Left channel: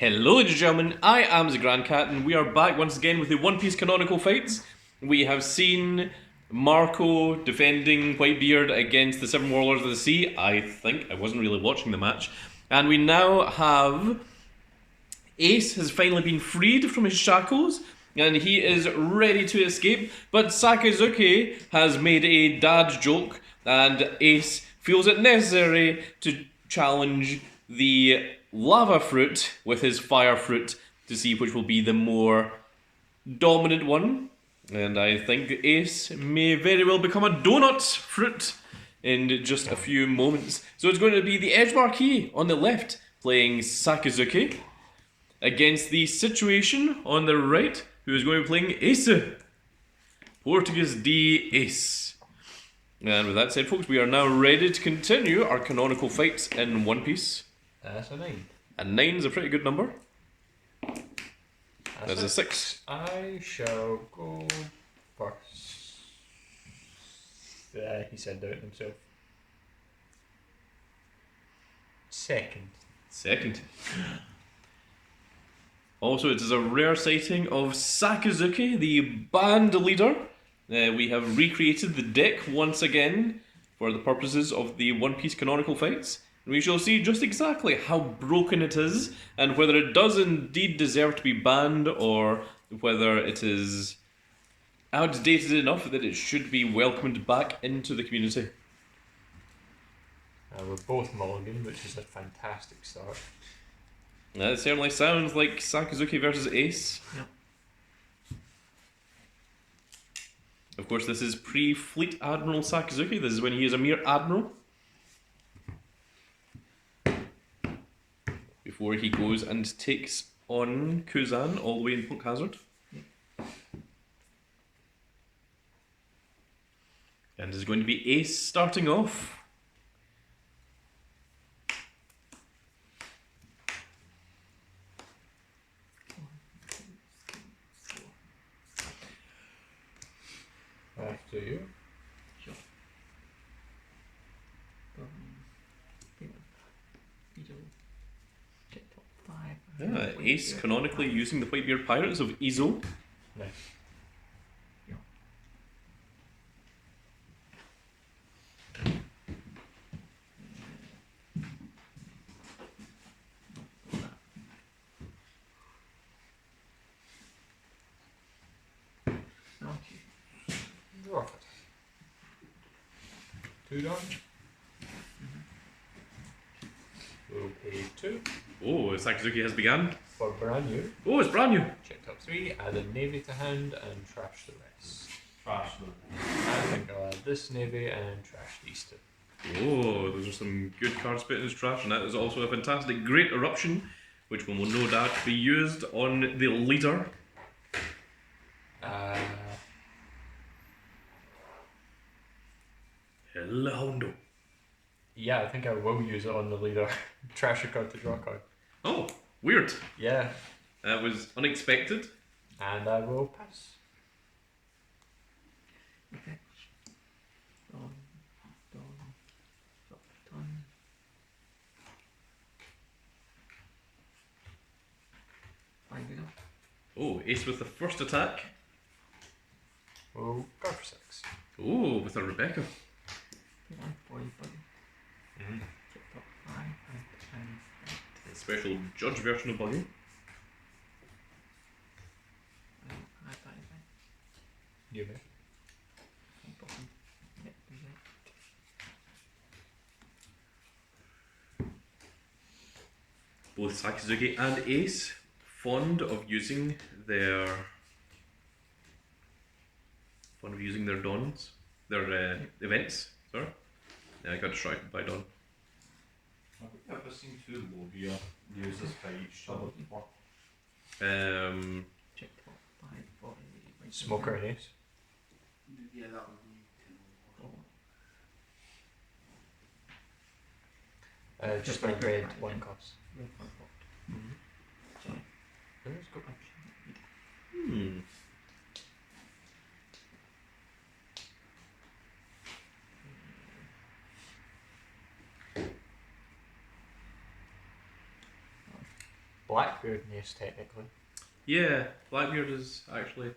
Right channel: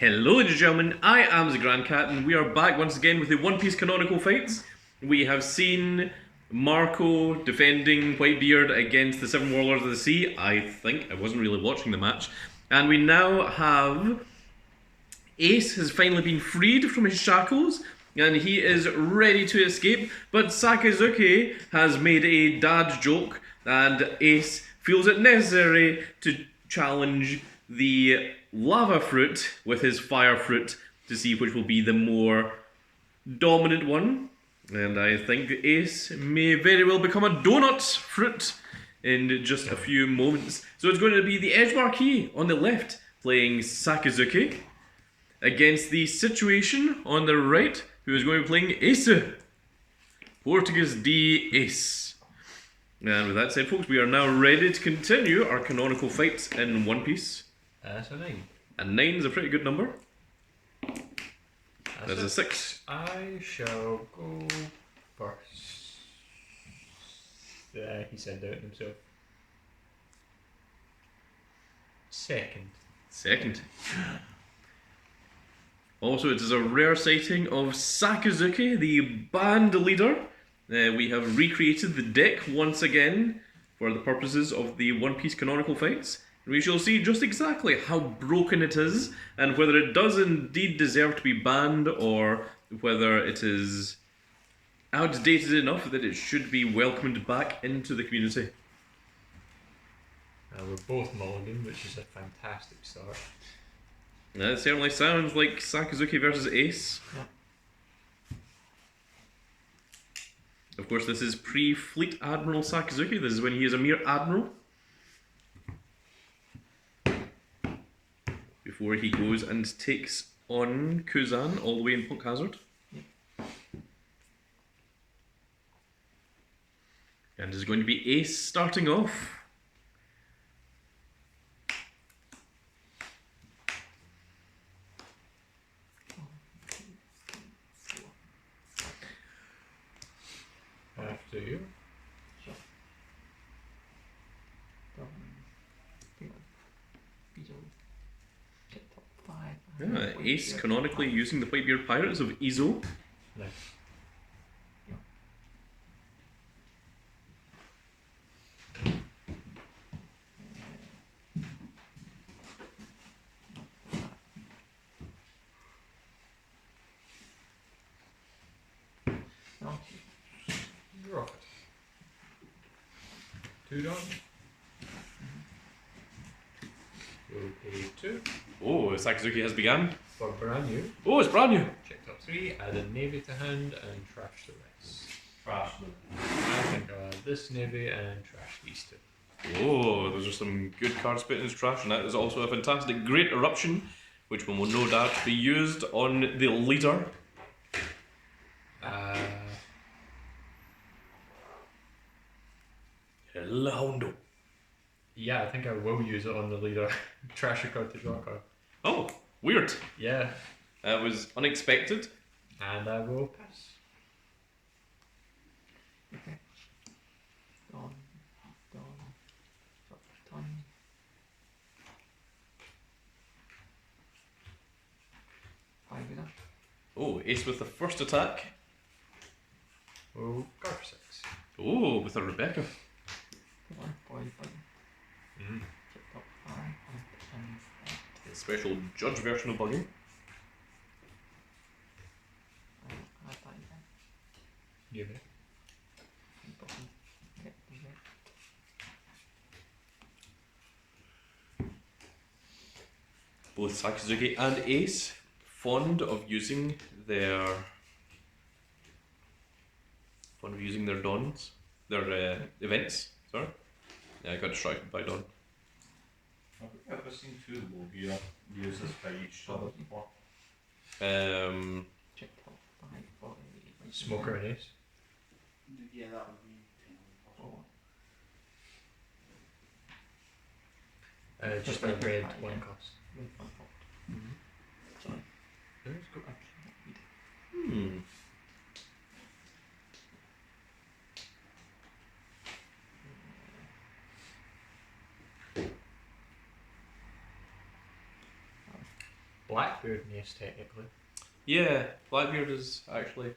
Hello ladies and gentlemen, I am the Grand Cat and we are back once again with the One Piece canonical fights. We have seen Marco defending Whitebeard against the Seven Warlords of the Sea. I think, I wasn't really watching the match. And we now have Ace has finally been freed from his shackles and he is ready to escape. But Sakazuki has made a dad joke and Ace feels it necessary to challenge the lava fruit with his fire fruit to see which will be the more dominant one. And I think Ace may very well become a donut fruit in just a few moments. So it's going to be the Edgemarquis on the left playing Sakazuki against the Situation on the right, who is going to be playing Ace. Portuguese D Ace. And with that said, folks, we are now ready to continue our canonical fights in One Piece. That's a 9. A 9 is a pretty good number. That's a 6. I shall go first. He said doubt himself. Second. Also, it is a rare sighting of Sakazuki, the band leader. We have recreated the deck once again for the purposes of the One Piece canonical fights. We shall see just exactly how broken it is and whether it does indeed deserve to be banned or whether it is outdated enough that it should be welcomed back into the community. We're both mulligan, which is a fantastic start. It certainly sounds like Sakazuki versus Ace. Yep. Of course, this is pre-Fleet Admiral Sakazuki. This is when he is a mere admiral. Before he goes and takes on Kuzan all the way in Punk Hazard. And it's going to be Ace starting off. After you. Sure. Yeah, Ace canonically using the Whitebeard Pirates of Izo. Nice. Draw it. 2 done. We'll pay 2. Oh, Sakazuki has begun. For brand new. Oh, it's brand new. Check top 3, added navy to hand and trash the rest. Trash them. I think I'll add this navy and trash these 2. Oh, those are some good cards put in his trash, and that is also a fantastic Great Eruption, which will no doubt be used on the leader. Hello. Yeah, I think I will use it on the leader. Trash a card to draw a card. Oh, weird. Yeah, That was unexpected. and I will pass. Okay. Don. Ton. Five is up. Oh, Ace with the first attack. Oh, go for 6. Oh, with a Rebecca. 1 point. Mm-hmm. Check top 5. A special judge version of Buggy. You know. Both Sakazuki and Ace fond of using their dons, their events. Sorry, yeah, I got distracted by Don. Have we ever seen 2 low gear use this by each other before? Check top 5 for the Smoker and Ace. Yeah, that would be kind of Just a red 1 cost. Red 1 pot. Mm-hmm. Sorry. There's go. Blackbeard, yes, technically. Yeah, Blackbeard is actually.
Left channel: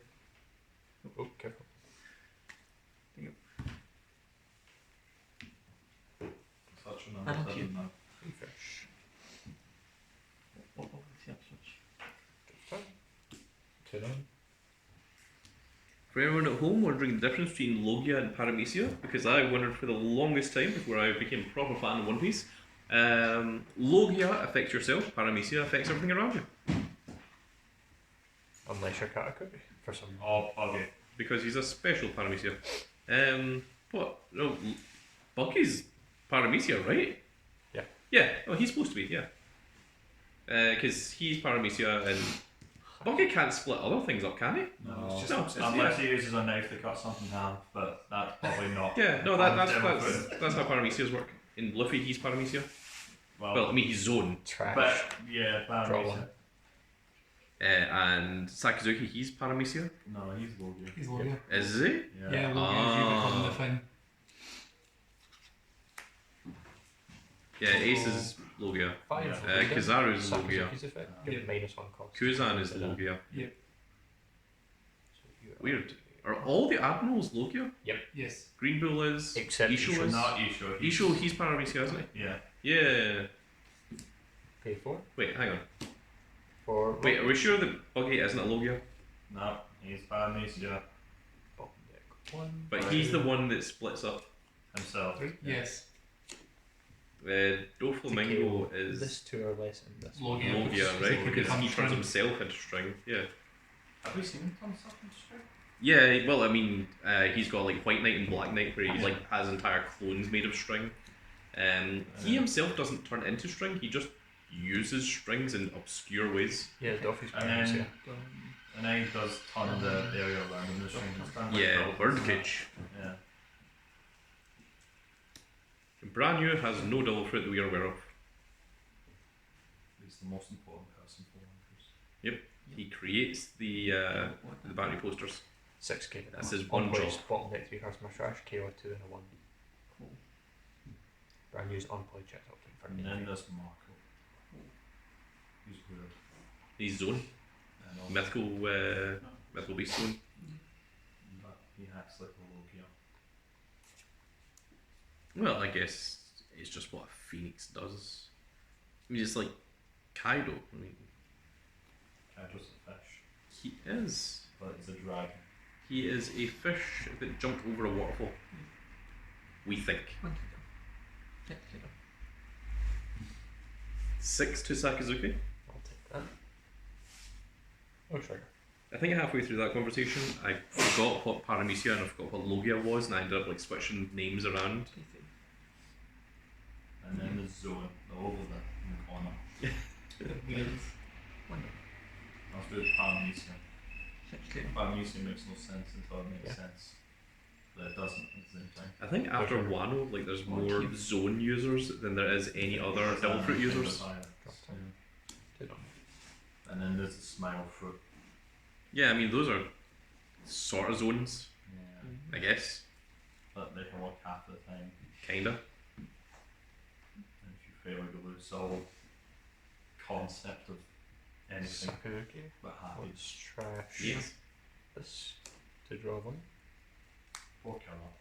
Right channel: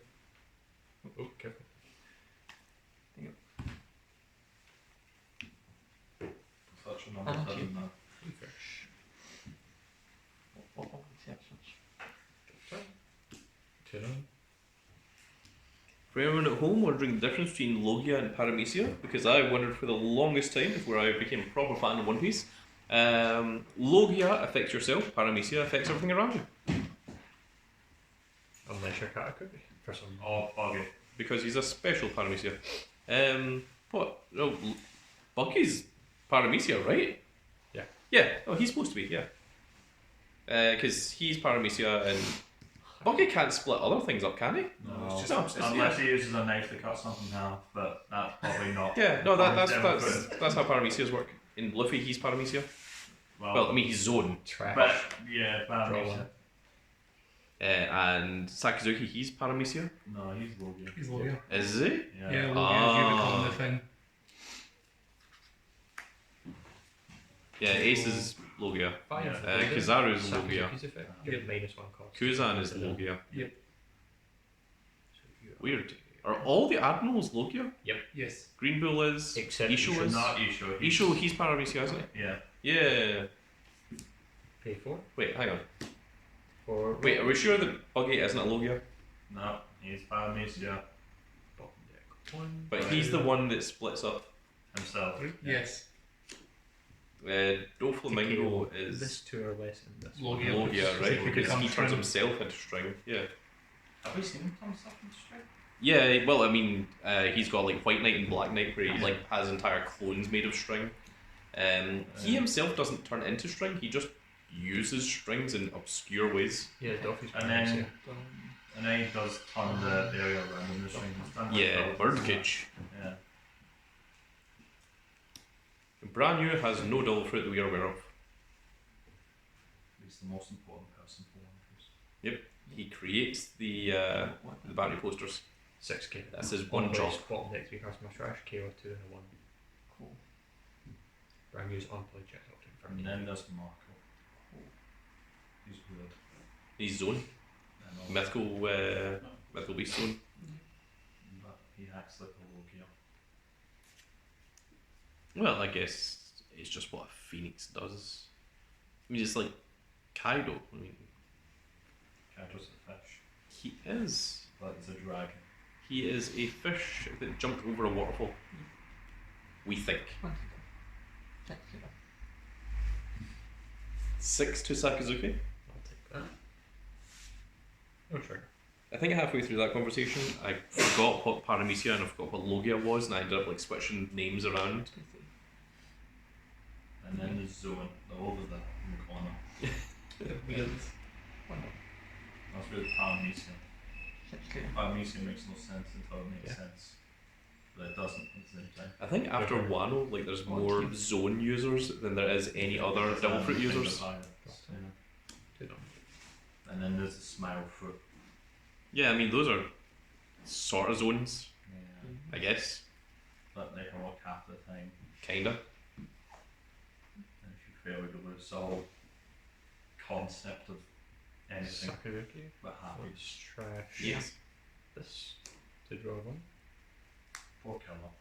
Oh, careful. Such a number Thank you. 7 now. Fish. What was the switch? Canon. For anyone at home wondering the difference between Logia and Paramecia, because I wondered for the longest time before I became a proper fan of One Piece. Logia affects yourself, Paramecia affects everything around you. Unless you're Katakuri, for some reason. Oh, buggy. Because he's a special Paramecia. What? No, Buggy's Paramecia, right? Yeah. Yeah, oh, he's supposed to be, yeah. Because he's Paramecia and Buggy can't split other things up, can he? No, It's just No, upset. unless he uses a knife to cut something in half, but that's probably not. Yeah, no, that's Democrat. that's how Paramecias work. In Luffy, he's Paramecia. Well, I mean, he's Zone. Trash. but yeah, Paramecia. Problem. And Sakazuki, he's Paramecia. No, he's Logia. He's Logia. Is he? Yeah. Yeah, Logia, you become the thing. Yeah, Ace is Logia. Fine. Yeah. for Kizaru's Sakuzuki's Logia. effect. Yeah. Minus 1 cost. Kuzan is Logia. Yep. So you are- Weird. Are all the admirals Logia? Yes. Green Bull is. Except Isho Isho. is. Not Isho. Isho, he's Paramecia, isn't Yeah. he? Yeah. Pay 4. Wait, hang on. For Wait, are we sure that Buggy isn't a Logia? No, he's Paramecia bottom deck 1. But he's the one that splits up. himself. Yes. Doflamingo is This 2 or less and this Logia. one. Logia, So right? he Because becomes he turns string. himself into string. Yeah. Have we seen him turn stuff into string? Yeah, well, I mean, he's got like White Knight and Black Knight where he like has entire clones made of string. He himself doesn't turn into string, he just uses strings in obscure ways. Yeah, Duffy's And then, and then he does turn the area around in the string. He's done like Yeah, buildings. Birdcage. Yeah. Brand new has no double fruit that we are aware of. He's the most important person for One Piece. He creates the bounty posters. 6k. That's his one job. Bottom deck 3 cards, my trash, KO 2 and a 1. Cool. Brand new's unplayed check up to And then there's Marco. He's weird. He's Zone. And all Mythical Beast Zone. but he acts like a Logia. Well, I guess it's just what a phoenix does. I mean, it's like Kaido. I mean, Kaido's a fish, he is. but he's a dragon. He is a fish that jumped over a waterfall. We think. 20 go. 6 go. 6 to Sakazuki. I'll take that. No trigger. I think halfway through that conversation, I forgot what Paramecia and I forgot what Logia was, and I ended up like switching names around. 23. And then there's Zone, over there in the corner. Wheels. 1 That's with Paramecia. 6 go. Paramecia makes no sense until it makes Yeah. sense. But it doesn't at the same time. I think after Okay. Wano, like there's Oh, more cute. zone users than there is any other devil fruit users. Yeah. Good on. And then there's the Smile Fruit. Yeah, I mean those are sort of zones, Yeah. I guess. But they can work half the time. Kinda. And if you fail, you lose the whole concept of anything Sakazuki. but happy. Let's trash Yes. this to draw one. Poor killer.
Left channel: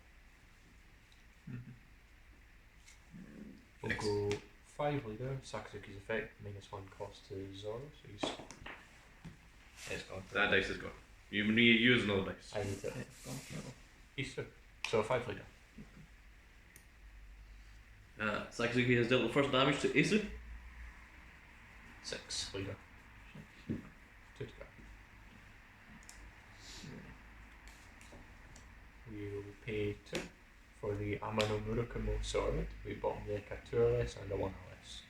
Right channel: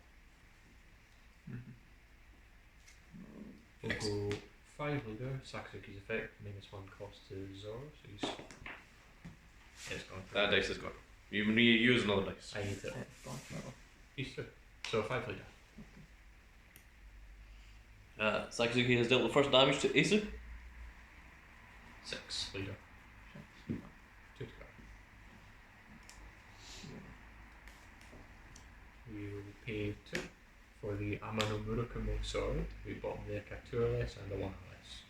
We'll Excellent. go 5 leader, Sakazuki's effect, -1 cost to Zoro, so he's. It's gone. That dice is gone. You need to use another dice. I need to. It's gone forever. He's 2. So 5 leader. Sakazuki has dealt with first damage to Asu. 6 leader. 6. 2 to go. We will pay 2 for the Amano Murakamo sword. We bottom deck a 2 or less and a 1 or less.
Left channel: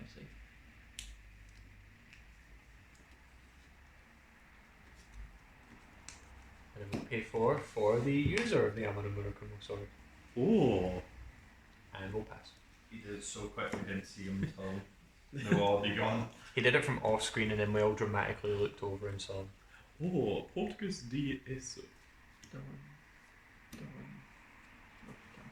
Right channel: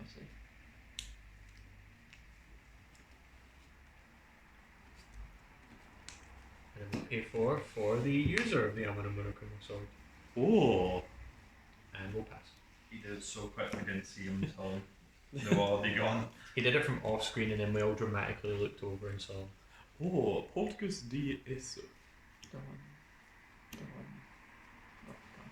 I see. And then we pay 4 for the user of the Amano Murakamo sword. Oh. And we'll pass. He did it so quick we didn't see him until they were already gone. He did it from off screen and then we all dramatically looked over and saw him. Oh, Portuguese de Asu. Don't. Not done.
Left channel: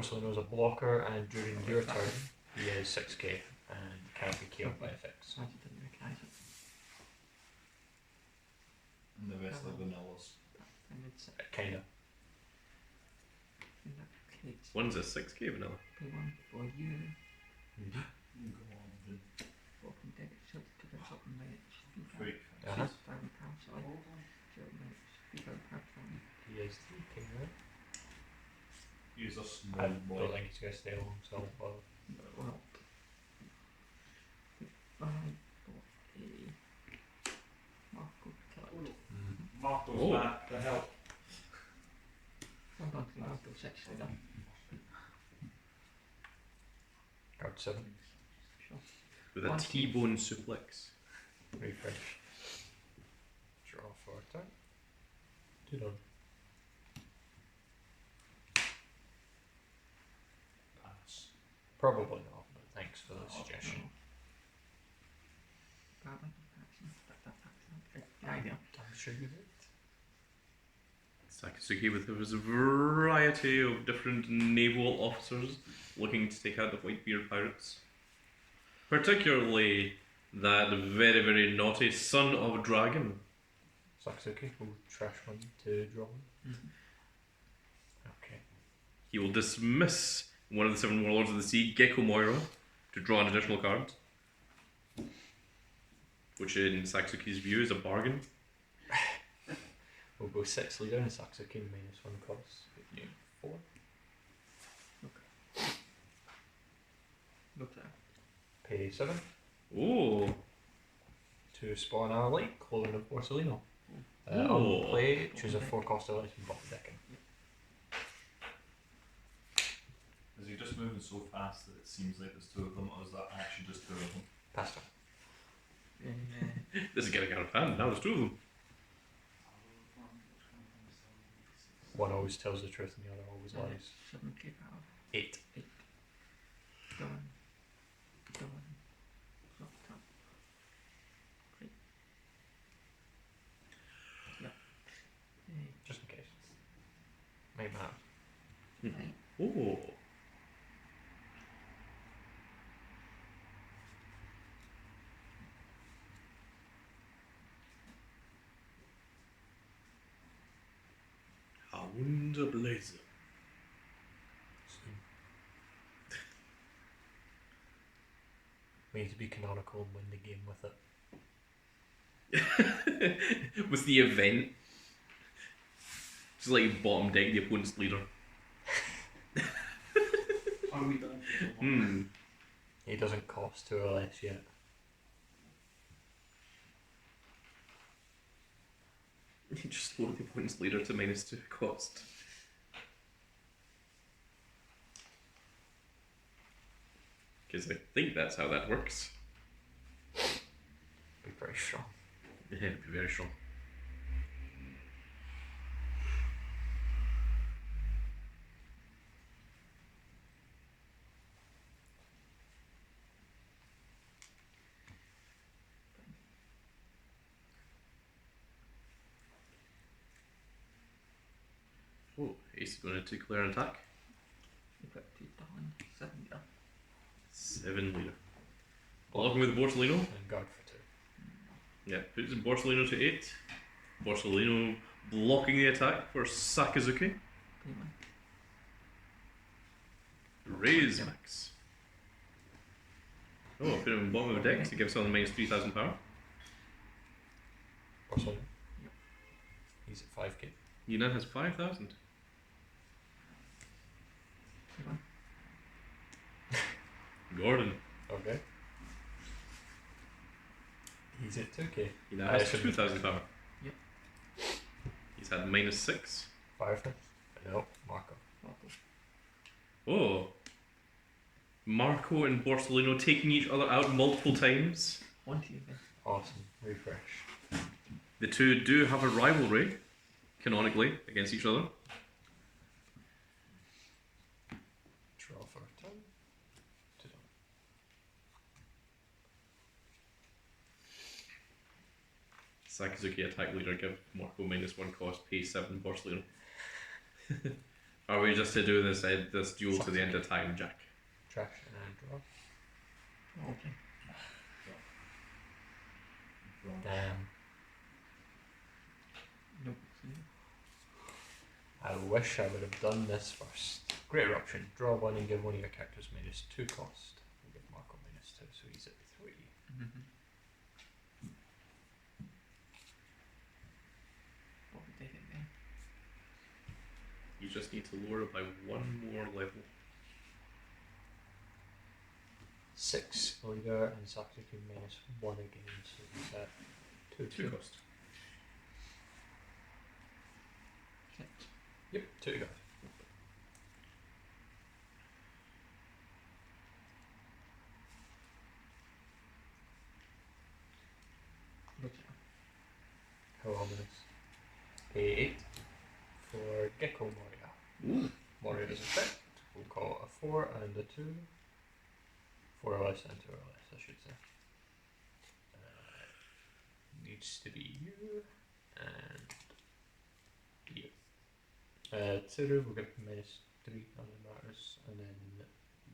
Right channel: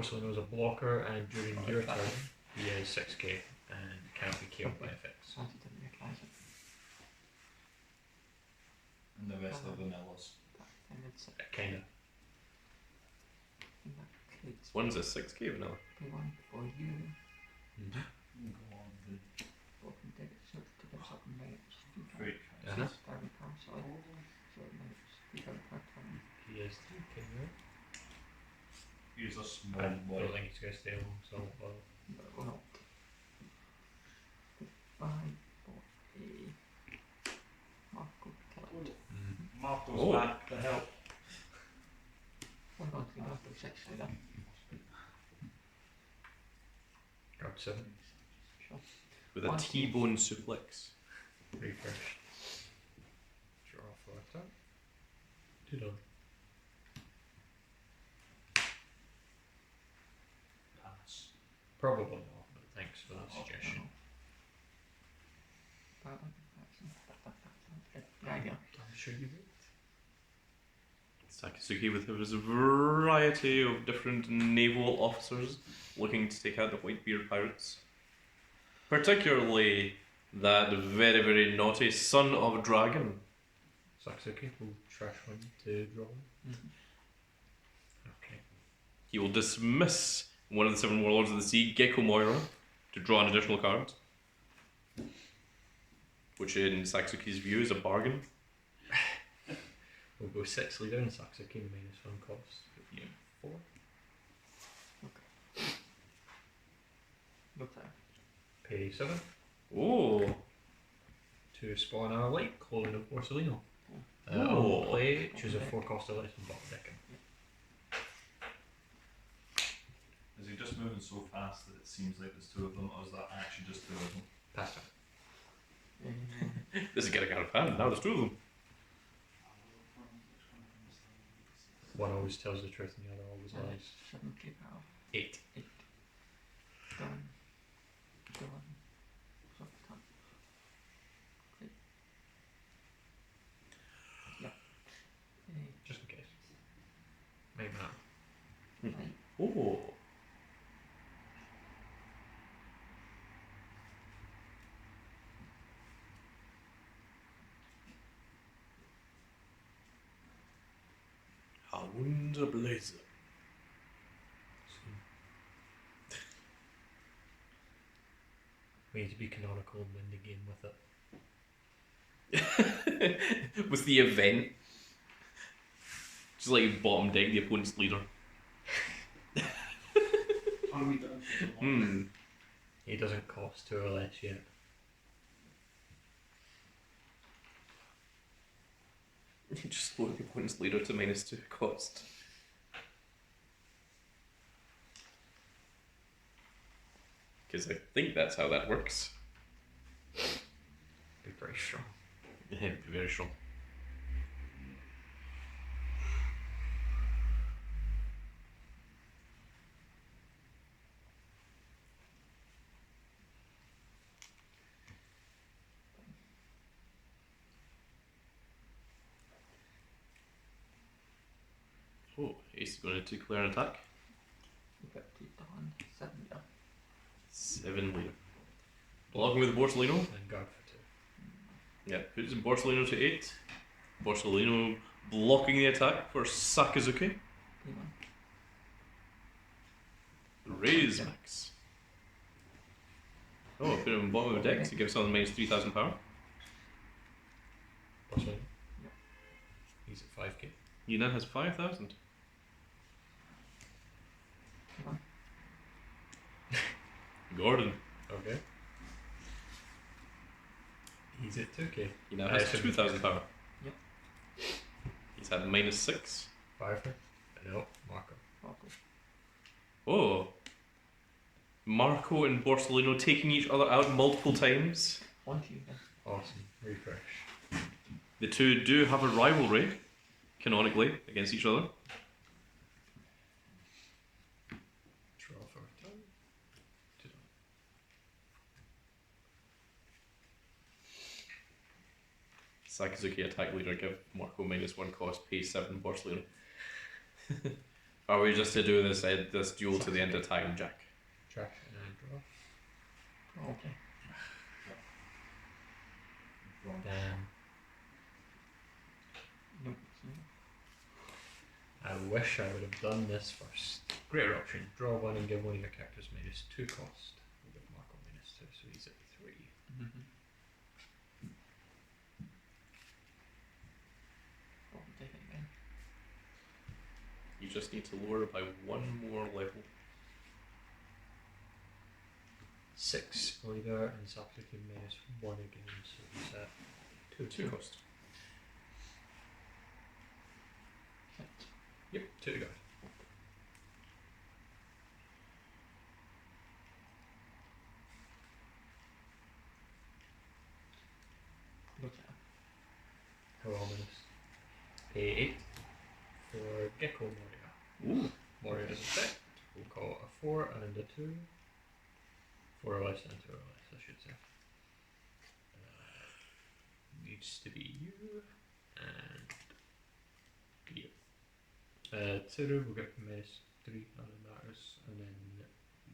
Borsellino's a blocker, and during your turn, he is 6k and can't be killed by effects. I didn't recognise it. And the rest are vanillas. I think it's Kinda. in that case. One's a 6k vanilla. Pay one for you. Go on, the Open deck itself to give something minutes. great Uh-huh. Starting card, sorry. So minutes. 3,000 per turn. He is 3k, right? He's a I small don't boy. think he's going to stay long, so I won't bother. Well, I bought a Marco Kellet. Marco's Oh. back to help. One on to the Marco 6 leader. Card 7. Sure. With a One, T-bone suplex. Refresh. Draw for a turn. 2 done. Pass. Probably not, but thanks for the suggestion. The idea. I'm sure you would. Sakazuki with his variety of different naval officers looking to take out the Whitebeard pirates. Particularly that very, very naughty son of a dragon. Sakazuki will trash one to draw one. Mm-hmm. Okay. He will dismiss one of the 7 warlords of the sea, Gecko Moira, to draw an additional card. Which in Sakazuki's view is a bargain. We'll go 6 leader and Sakazuki -1 cost. 4. Look there. Pay 7. Oh, To spawn our light, Clothing of Borsellino. Oh. On play, choose a 4 cost or less and bottom deck him. Is he just moving so fast that it seems like there's 2 of them, or is that actually just 2 of them? Pass turn. this is getting out of hand. Now there's 2 of them. One always tells the truth and the other always lies. 7k power. 8. Done. So, turn. Great. Yeah. Just in case. Maybe not. Right. Oh. Hound Blazer. We need to be canonical and win the game with it. With the event. Just like bottom deck the opponent's leader. Are we done? He doesn't cost 2 or less yet. You just load the opponent's leader to -2 cost. Because I think that's how that works. Be pretty strong. It'd be very strong. Oh, Ace is going to declare an attack. We've got 2 done. 7 yeah. 7 leader. Blocking with Borsellino. And guard for 2. Yeah, puts Borsellino to 8. Borsellino blocking the attack for Sakazuki. Pay 1. Raise max. Oh, put him bottom of the deck to give someone -3,000 power. Also, Yep. he's at 5k. He now has 5,000. Pay 1. Gordon. Okay. He's at 2k. He now has should 2,000 power. Yep. He's had -6. Firefest? No, Marco. Marco. Oh. Marco and Borsellino taking each other out multiple times. 1 to you then. Awesome. Refresh. The two do have a rivalry, canonically, against each other. Draw for a turn. 2 done. Sakazuki attack leader, give Marco -1 cost, pay 7 Borsellino. Are we just to do this duel to the end of time, Jack? Trash and I draw. Probably. Damn. Nope. I wish I would have done this first. Great option. Draw one and give one of your characters -2 cost. We'll give Marco -2, so he's at 3. Mm-hmm. What would they think then? You just need to lower it by one more level. 6 leader and Sakazuki -1 again, so he's at 2 cost. Hit. Yep, 2 to go. Look at How ominous. Pay 8 for Gecko Moria. Ooh. Moria is a fit. We'll call it a 4 and a 2. 4 or less and 2 or less, I should say. Needs to be you and you. Tsuru will get -3 on the matters, and then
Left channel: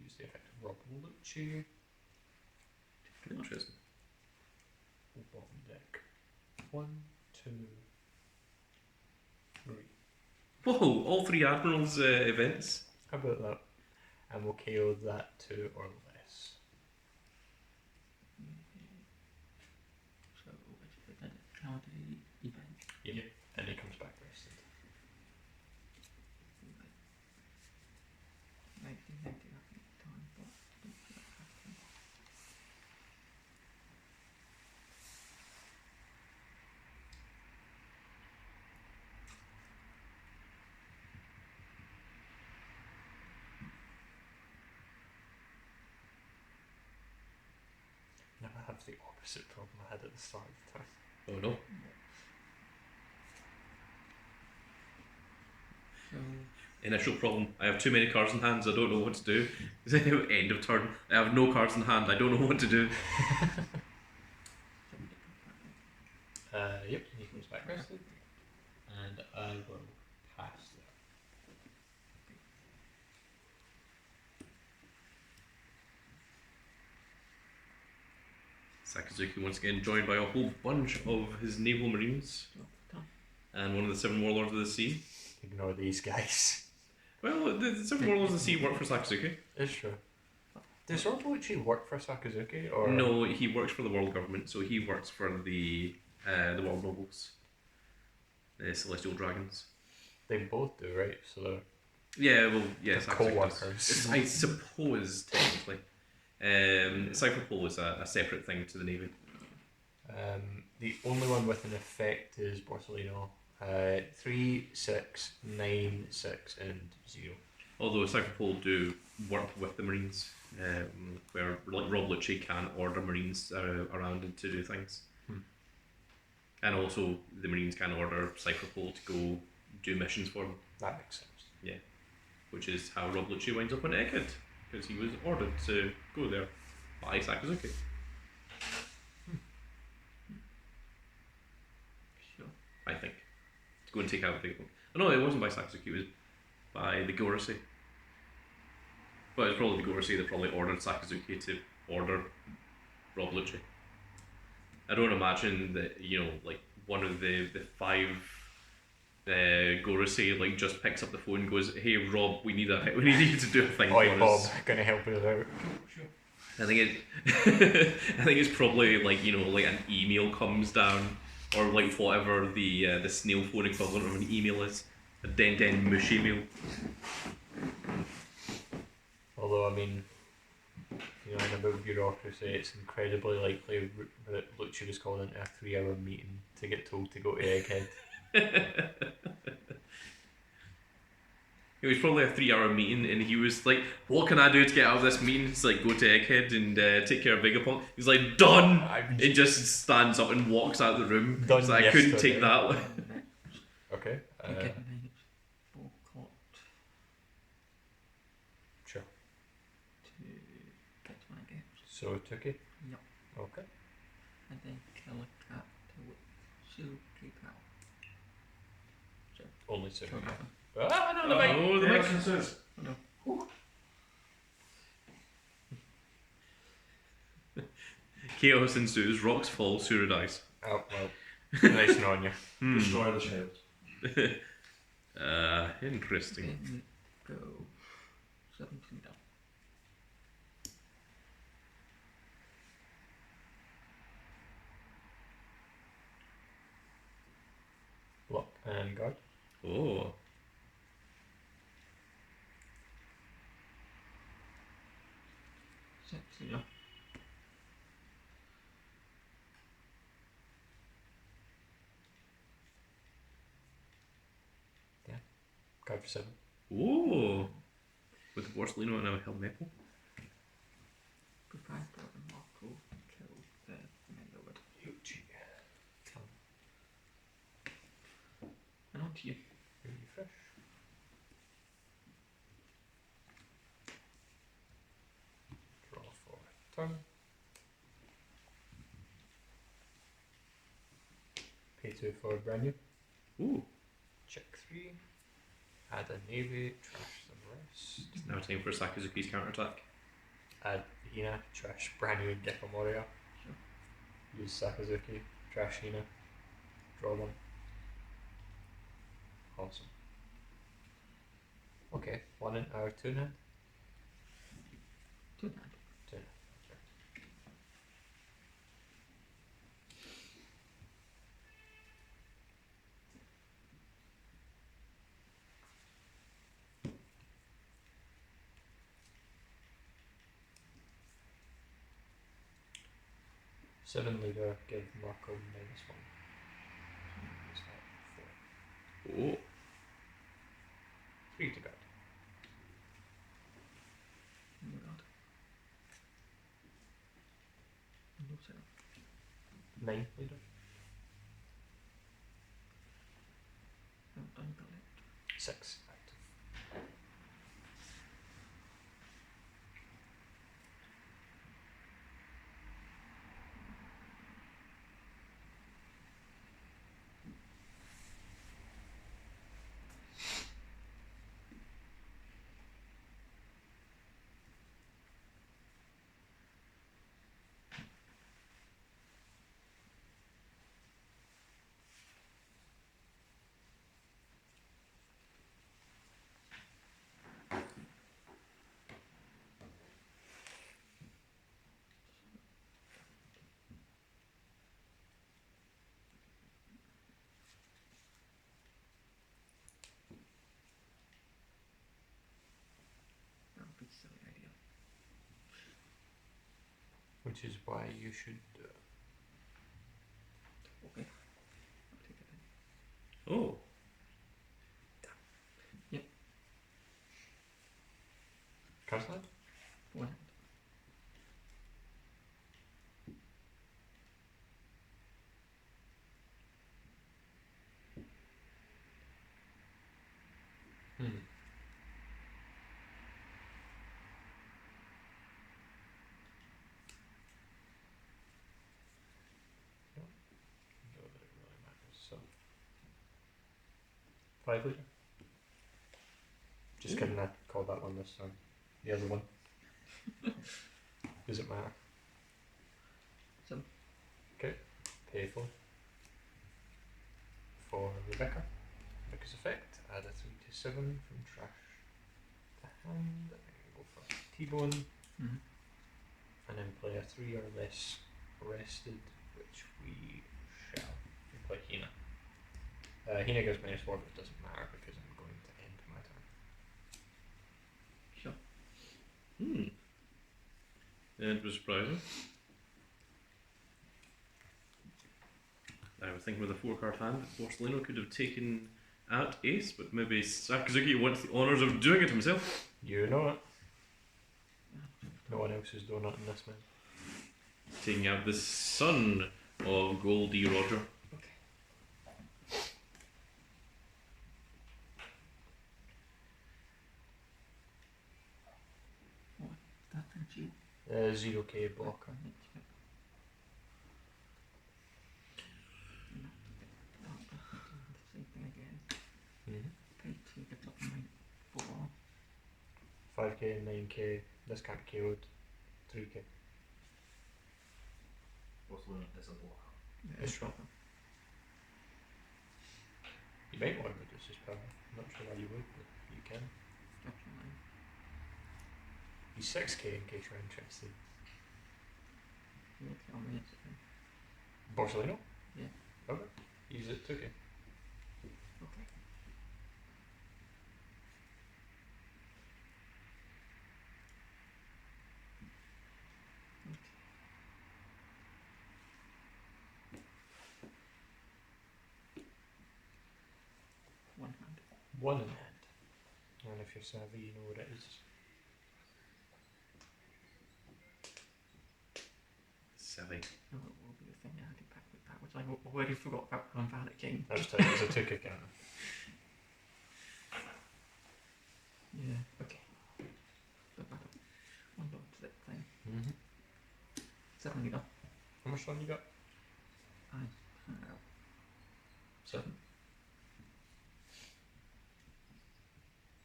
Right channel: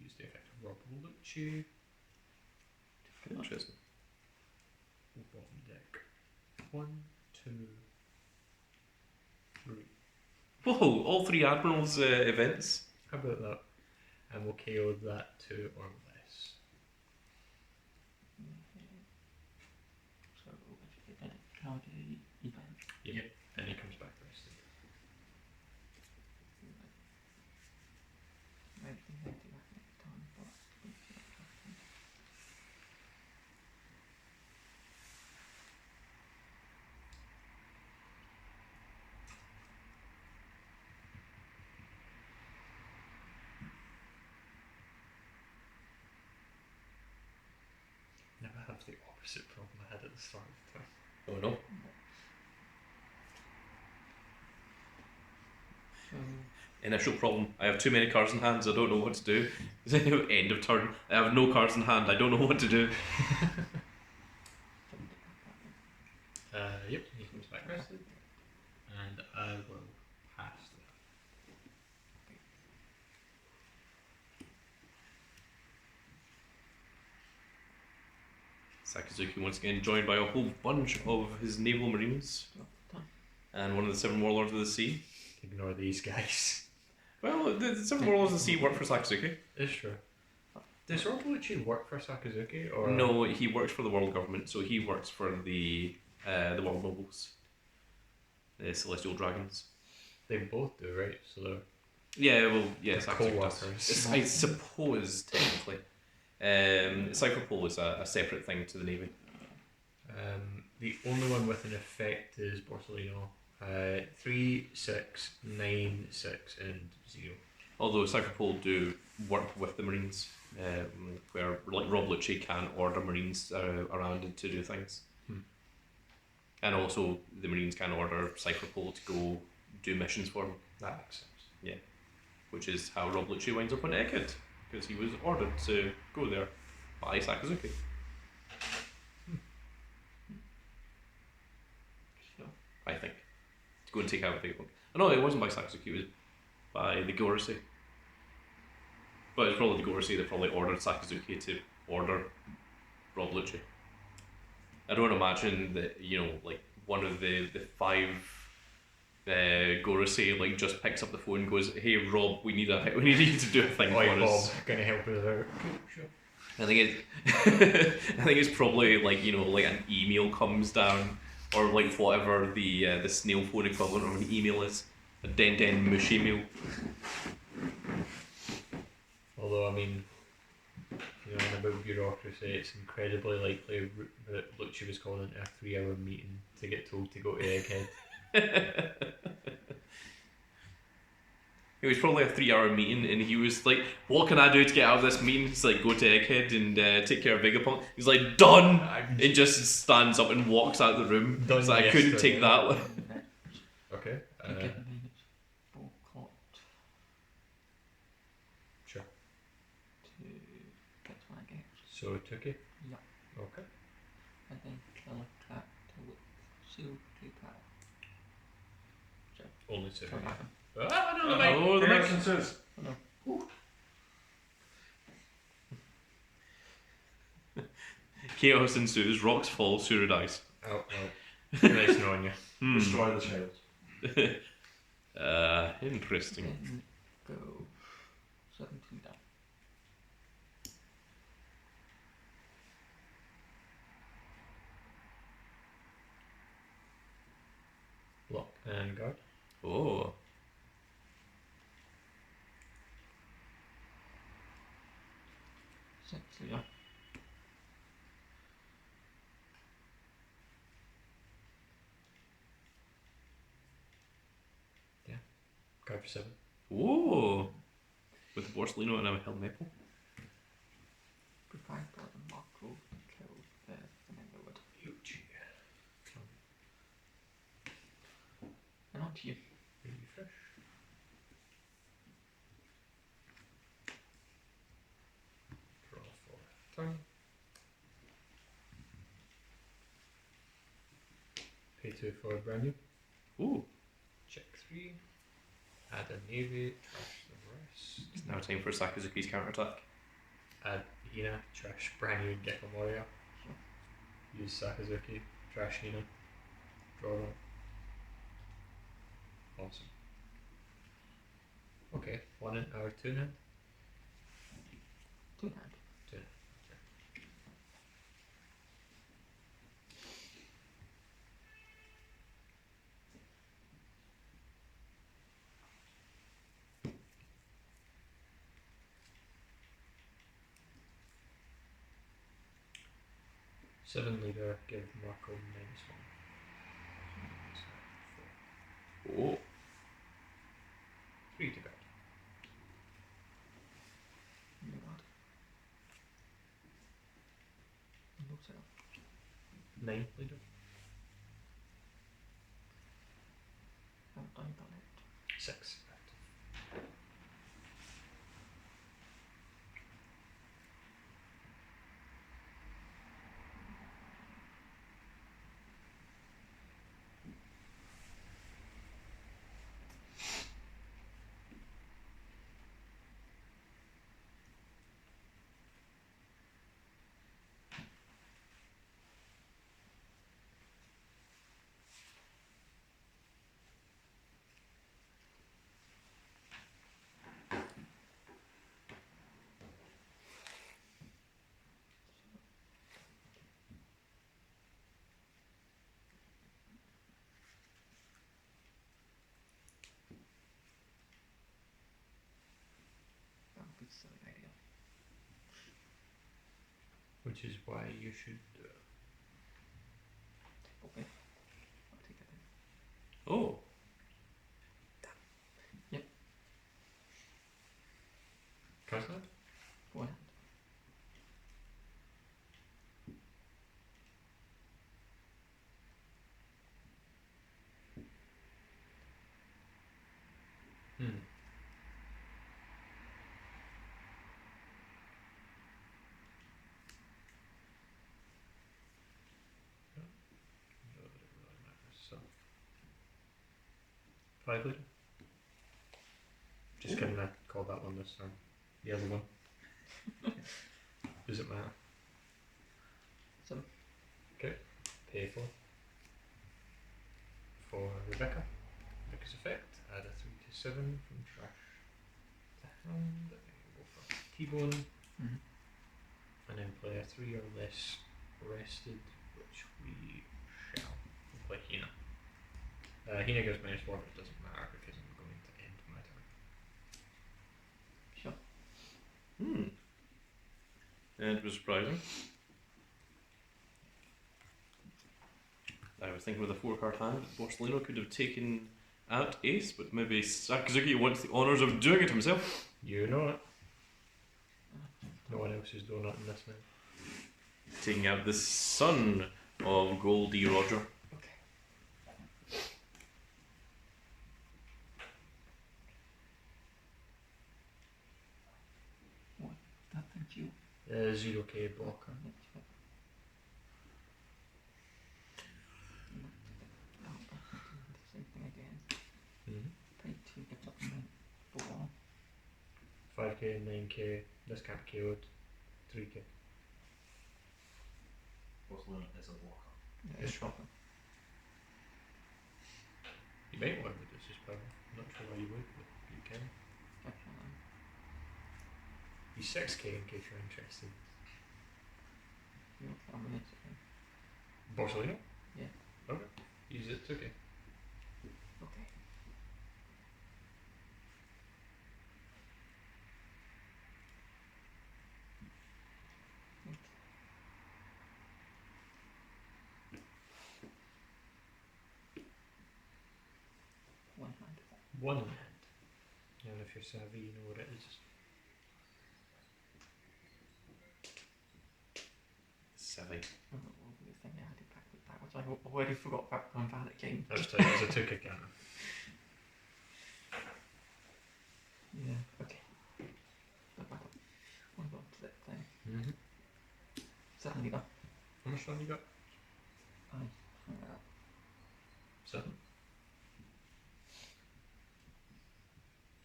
use the effect of Rob Lucci. Interesting. Bottom deck. 1, 2, 3. Whoa! All 3 admirals events. How about that? And we'll KO that 2 or less. so if then it card event. Yep. Then he comes back rested. Like they had to that next time, but don't feel like happening. Never have the opposite problem I had at the start of the time. Oh no. So Initial problem. I have too many cards in hand, so I don't know what to do. End of turn. I have no cards in hand. I don't know what to do. Yep, he comes back rested. And I will pass that. Sakazuki once again joined by a whole bunch of his naval marines done. and one of the 7 warlords of the sea. Ignore these guys. Well, the 7 warlords of the sea work for Sakazuki. It's true. Does Ortolucci work for Sakazuki or No, he works for the world government, so he works for the world nobles, the celestial dragons. They both do, right? So they're Yeah, well, yeah, They're Sakazuki does. co-workers. I suppose technically, Cypherpole is a separate thing to the navy. the only one with an effect is Borsellino. 3, 6, 9, 6, and 0. Although Cypherpole do work with the marines, where like Rob Lucci can order marines around to do things. And also the marines can order Cypherpole to go do missions for them, That makes sense. which is how Rob Lucci winds up on Egghead, because he was ordered to go there by Sakazuki. Sure. I think. To go and take out a big one. Oh, no, it wasn't by Sakazuki, it was by the Gorosei. But it's probably the Gorosei that probably ordered Sakazuki to order Rob Lucci. I don't imagine that, like, one of the 5 Gorosei, like, just picks up the phone and goes, "Hey Rob, we need you to do a thing Oi, for Bob, us." gonna help us out. I think it's probably like like an email comes down, or like whatever the snail phone equivalent of an email is, a den mush email. Although, I mean, about bureaucracy, it's incredibly likely that Lucci was called into a 3-hour meeting to get told to go to Egghead. It was probably a 3-hour meeting, and he was like, "What can I do to get out of this meeting?" It's like, "Go to Egghead and take care of Vegapunk." He's like, "Done!" And just stands up and walks out of the room. Done So I couldn't yesterday. take that. Okay. You get -4 court Sure. to get one again. So, Tuki? Yep. Okay. And then kill a cat to whip 2 power. Only 2. So Yeah. happen. Ah, no, the bike. Oh, the Chaos mix. ensues. Chaos ensues, rocks fall, Sura dies. Oh, well. Nice knowing you. Hmm. Destroy the shield. Interesting. Then go 17 down. Block and guard. Oh. 6, so yeah. Guard for 7. Whoa. With the Borsellino and a held maple. Goodbye, God, and Marco to kill the Neighborhood. Huge. And on to you. Refresh. Draw for turn. Pay 2 for brand new. Ooh. Check 3. Add a navy. Trash the rest. It's now time for Sakazuki's counterattack. Add Hina. Trash brand new and get a warrior. Use Sakazuki. Trash Hina. Draw them. Awesome. Okay, 1 in our 2 now. 2 hand. 2. Seven leader, give Marco -1. So 4. Oh. 3 to guard. No God. No sir. 9 leader. Well done, Bullet. 6 active. That would be so ideal. Which is why you should. Okay. I'll take it then. Oh. Card slide? 4 hand. Hmm. Not that it really matters, so. 5 leader? Just kidding, I called that one this time. The other one. Does it matter? So. Okay, pay 4. For Rebecca. Rebecca's effect, add a 3 to 7 from trash to hand. Go for T-bone. Mm-hmm. And then play a 3 or less rested, which we shall. We play Hina. Hina goes -4, but it doesn't matter because I'm going to end my turn. Sure. Hmm. It was surprising. I was thinking with a 4-card hand that Borsellino could have taken out Ace, but maybe Sakazuki wants the honours of doing it himself. You know it. No one else is doing that in this one. Taking out the son of Goldie Roger. That thank you. 0k block. Blocker, that's right. And that's it. Same thing again. Mm-hmm. Pay 2, get up 5k, 9k. This can't be KO'd. 3k. Barcelona is a blocker. Yeah, it's stronger. You might want to reduce his power. I'm not sure why you would, but you can. Definitely. He's 6k in case you're interested. You'll tell me it's okay. Barcelona? Yeah. Okay. Use it 2k. Okay. One hand. One in hand. And if you're savvy, you know what it is. Savvy. Oh, what was the thing I had it backwards? I already forgot about Grand Valley King. I was telling you, it's a 2k cannon. Yeah, okay. So back up. One dot to that thing. Mm-hmm. 7 leader. How much fun you got? I found out. 7.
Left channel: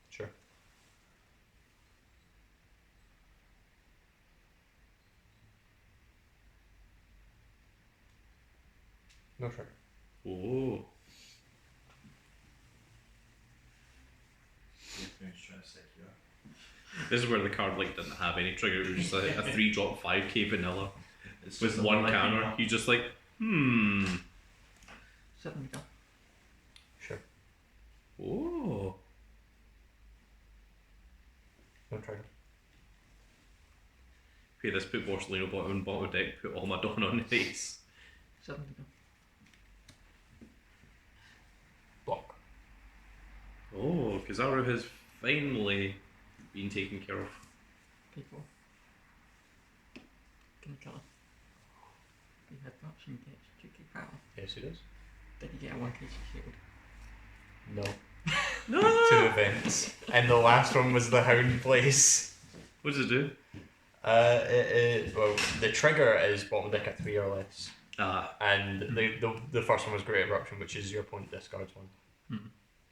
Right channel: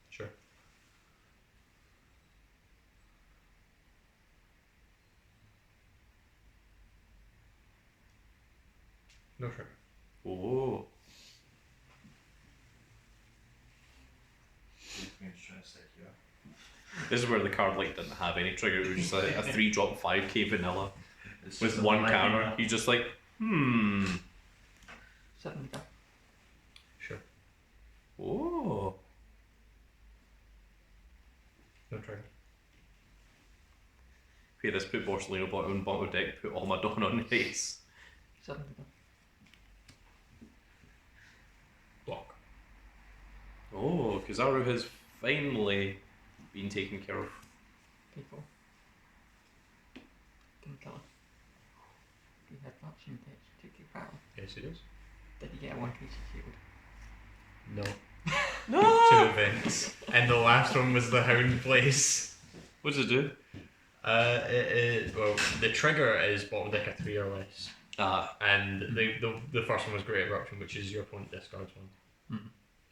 Sure. No trigger. Oh. Trying to say here. This is where the card like didn't have any trigger. It was just like a 3-drop 5k vanilla It's with just a one lightning counter. round. You just like, 7 leader. Sure. Oh. No trigger. Okay, let's put Borsellino bottom of deck, put all my Dawn on ace. 7 leader. Block. Oh, Kizaru has finally been taken care of. People. King killer. You had option pitch, 2k power. Yes, it is. Did you get a 1k shield? No. No! 2 events. And the last one was the Hound Place. What does it do? Well, the trigger is bottom deck at 3 or less. Ah. And the first one was Great Eruption, which is your opponent discards one. Hmm.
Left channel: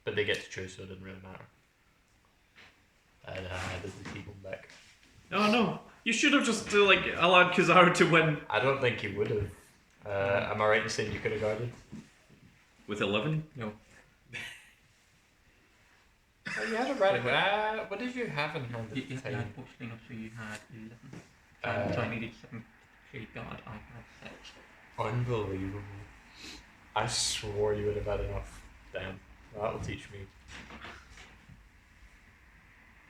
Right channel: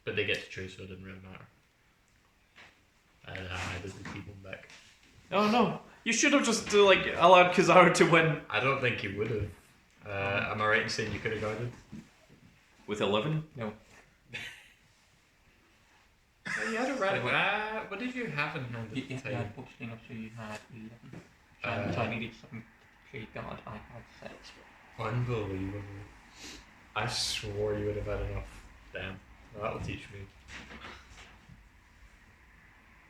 But they get to choose, so it didn't really matter. And I didn't keep them back. Oh no. You should have just allowed Kizaru to win. I don't think he would have. Am I right in saying you could have guarded? With 11? No. You had a radical. What did you have in hand You, at you the time? had Porcelain, so you had 11. So I needed 7 3 guard, I had 6. Unbelievable. I swore you would have had enough. Damn. That'll teach me.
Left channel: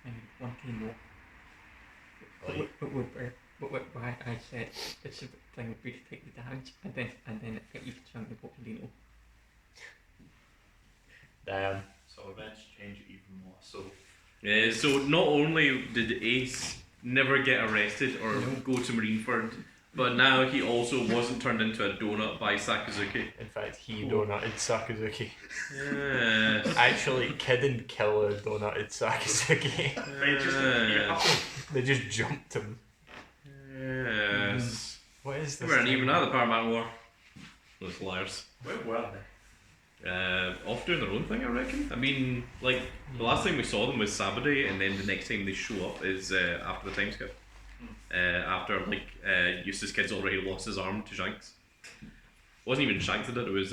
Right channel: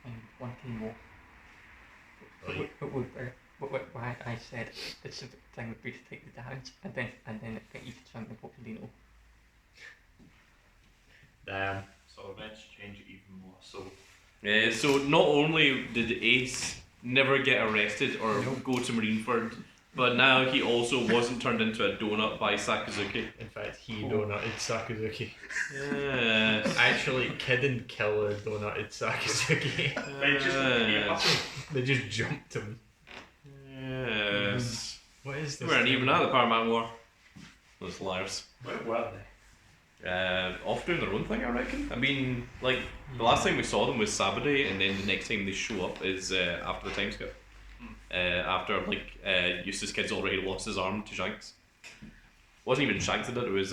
And 1k more. But why I said it's a thing would be to take the damage and then get you to chunk the Porcelain. Damn. So events change it even more. So So not only did Ace never get arrested or go to Marineford, but now he also wasn't turned into a donut by Sakazuki. In fact, he donutted Sakazuki. Yes. Actually, Kid and Killer donutted Sakazuki. They just jumped him. Yes. What is They this? weren't thing? even at the Paramount War. Those liars. where were they? Off doing their own thing, I reckon. I mean, like, the last time we saw them was Saturday, and then the next time they show up is after the time skip. After, Eustace Kid's already lost his arm to Shanks. Wasn't even Shanks that did it, was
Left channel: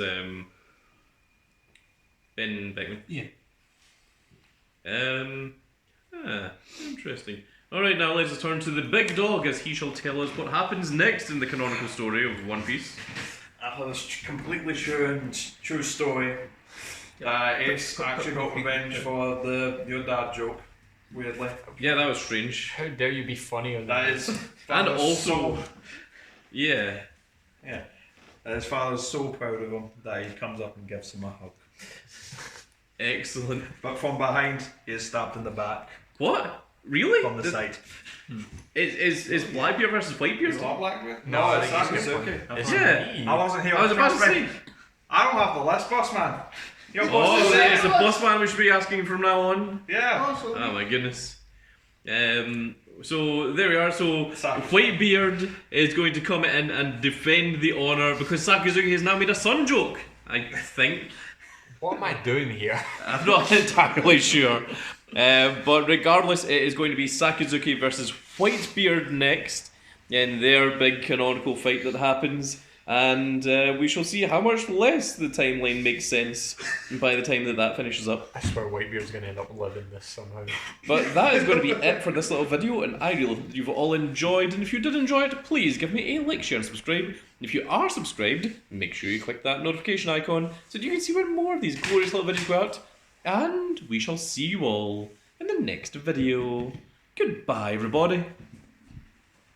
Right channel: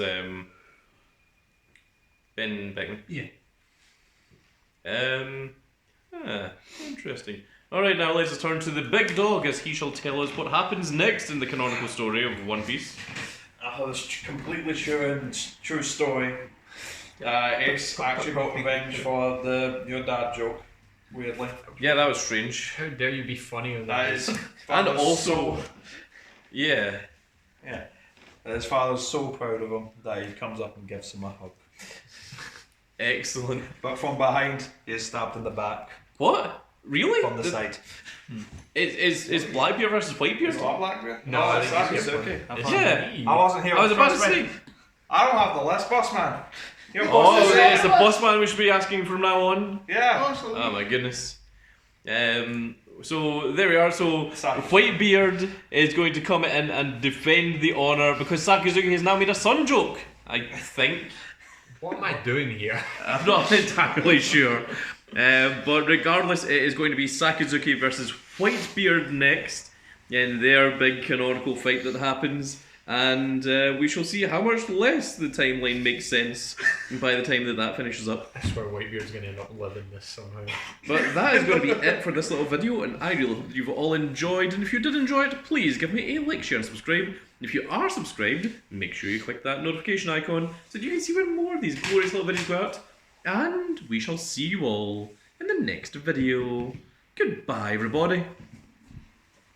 Ben Beckman. Yeah. Interesting. Alright, now let's turn to the big dog as he shall tell us what happens next in the canonical story of One Piece. After this completely true story, Ace actually got revenge for your dad joke. Weirdly, Yeah, that was strange. How dare you be funnier than that this? is. And father's also, yeah. yeah, and his father's so proud of him that he comes up and gives him a hug. Excellent. But from behind, he is stabbed in the back What? Really? from the side. Is Blackbeard versus Whitebeard? Is that Blackbeard? No, I it's think he's Sakazuki. different. Is it? I wasn't here. I was about to trust me. say. I don't have the list, boss man. You're Oh, supposed to say it's the boss man we should be asking from now on. Yeah. Oh my goodness. So there we are. So Sakazuki. Whitebeard is going to come in and defend the honor because Sakazuki has now made a son joke. I think. What am I doing here? I'm not entirely sure. But regardless, it is going to be Sakazuki versus Whitebeard next in their big canonical fight that happens. And we shall see how much less the timeline makes sense by the time that finishes up. I swear Whitebeard's going to end up living this somehow. But that is going to be it for this little video, and I really hope you've all enjoyed. And if you did enjoy it, please give me a like, share, and subscribe. And if you are subscribed, make sure you click that notification icon so that you can see when more of these glorious little videos go out. And we shall see you all in the next video. Goodbye, everybody.